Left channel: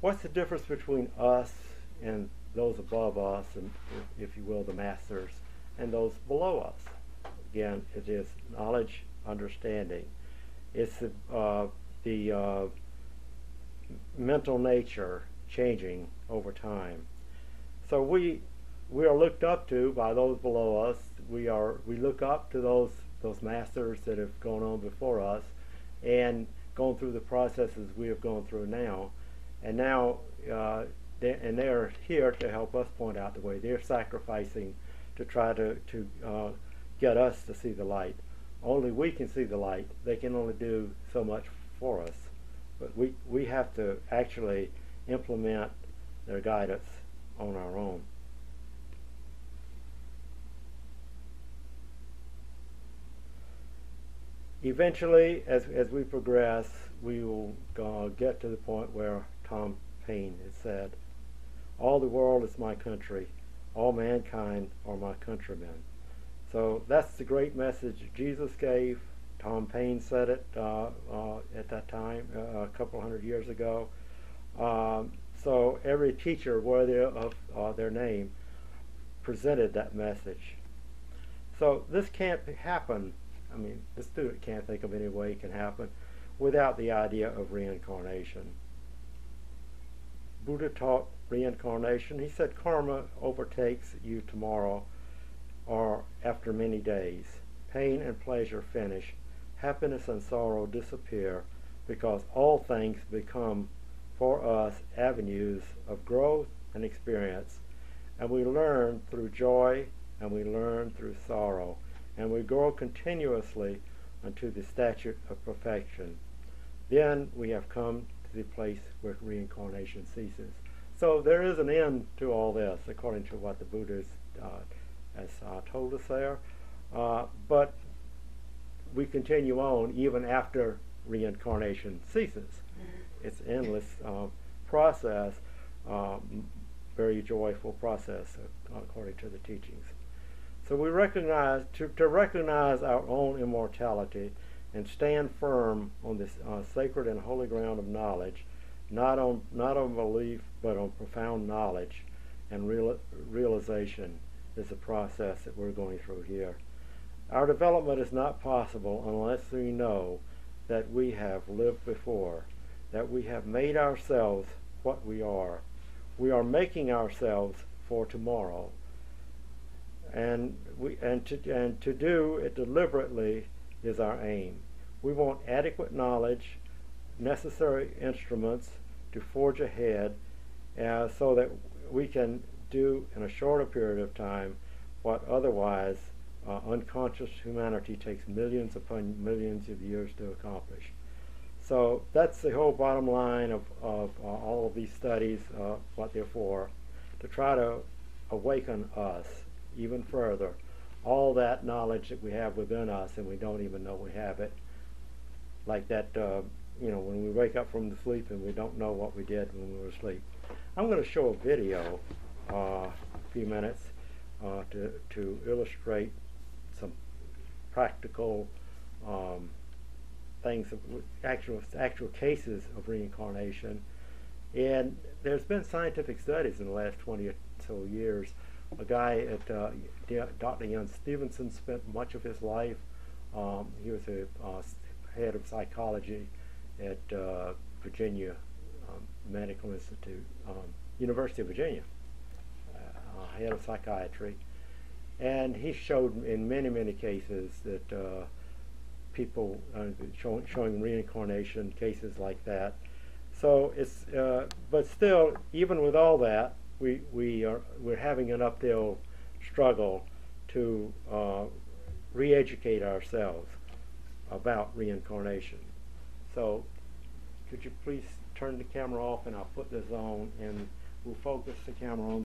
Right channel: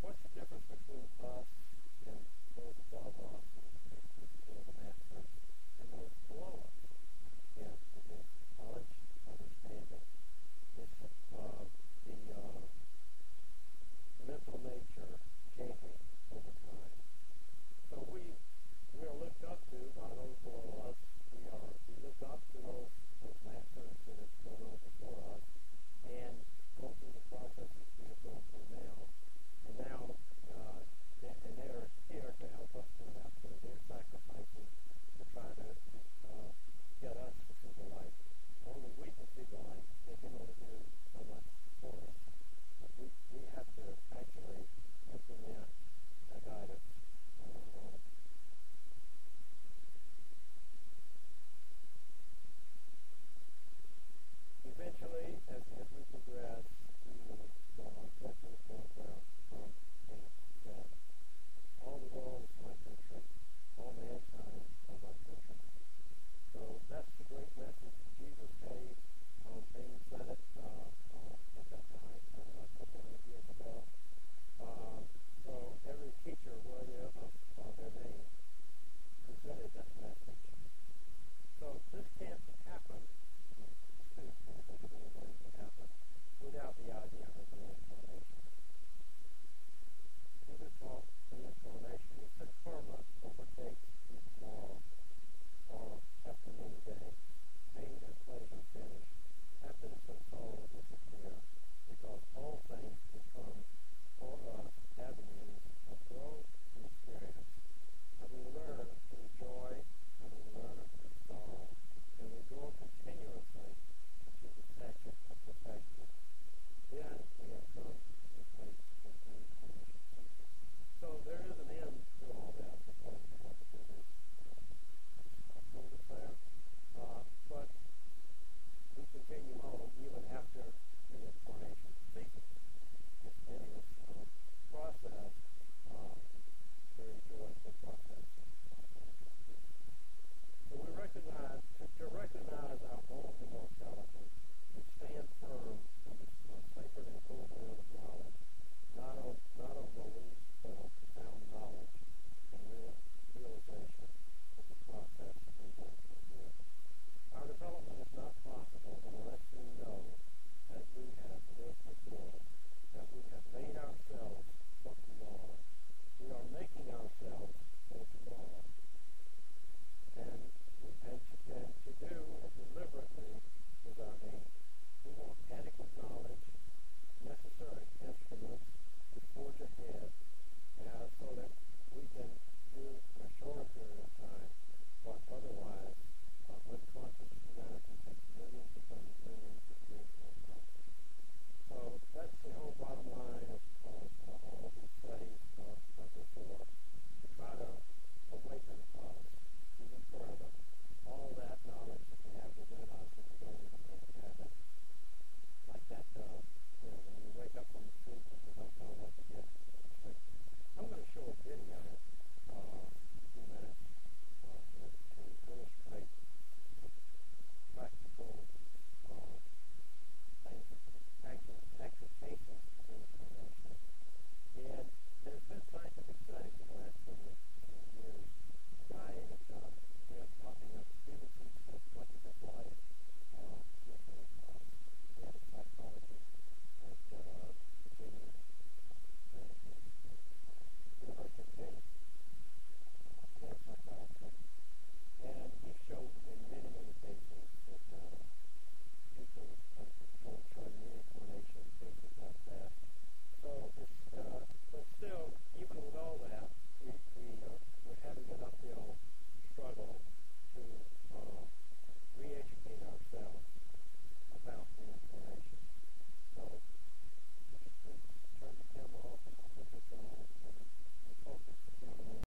What's the difference between us and those above us, and if you will, the masters, and those below us? Again, it is knowledge, understanding. It's the mental nature changing over time. So we are looked up to by those below us. We look up to those masters that have gone on before us and gone through the processes we have gone through now. And now they're here to help us point out the way. They're sacrificing to try to get us to see the light. Only we can see the light. They can only do so much for us. But we have to actually implement their guidance on our own. Eventually, as we progress, we will get to the point where Tom Paine has said, "All the world is my country. All mankind are my countrymen." So that's the great message Jesus gave. Tom Paine said it at that time, a couple hundred years ago. So every teacher worthy of their name presented that message. So this can't happen. I mean, the student can't think of any way it can happen without the idea of reincarnation. Buddha taught reincarnation. He said karma overtakes you tomorrow or after many days. Pain and pleasure finish. Happiness and sorrow disappear because all things become for us avenues of growth and experience. And we learn through joy and we learn through sorrow. And we grow continuously unto the stature of perfection. Then we have come to the place where reincarnation ceases. So there is an end to all this, according to what the Buddha has told us there. But we continue on even after reincarnation ceases. It's an endless process, very joyful process, according to the teachings. So we recognize, to recognize our own immortality and stand firm on this sacred and holy ground of knowledge, not on belief, but on profound knowledge and realization is the process that we're going through here. Our development is not possible unless we know that we have lived before, that we have made ourselves what we are. We are making ourselves for tomorrow. And to do it deliberately is our aim. We want adequate knowledge, necessary instruments to forge ahead, so that we can do in a shorter period of time what otherwise unconscious humanity takes millions upon millions of years to accomplish. So that's the whole bottom line of all of these studies, what they're for, to try to awaken us even further, all that knowledge that we have within us and we don't even know we have it, like that when we wake up from the sleep and we don't know what we did when we were asleep. I'm going to show a video, a few minutes, to illustrate some practical things, of actual cases of reincarnation. And there's been scientific studies in the last 20 or so years. A guy at Dr. Jan Stevenson spent much of his life. He was a head of psychology at Virginia Medical Institute, University of Virginia, head of psychiatry. And he showed in many, many cases that people showing reincarnation, cases like that. So it's, but still, even with all that, we're having an uphill struggle to re-educate ourselves about reincarnation. So could you please turn the camera off, and I'll put this on and we'll focus the camera on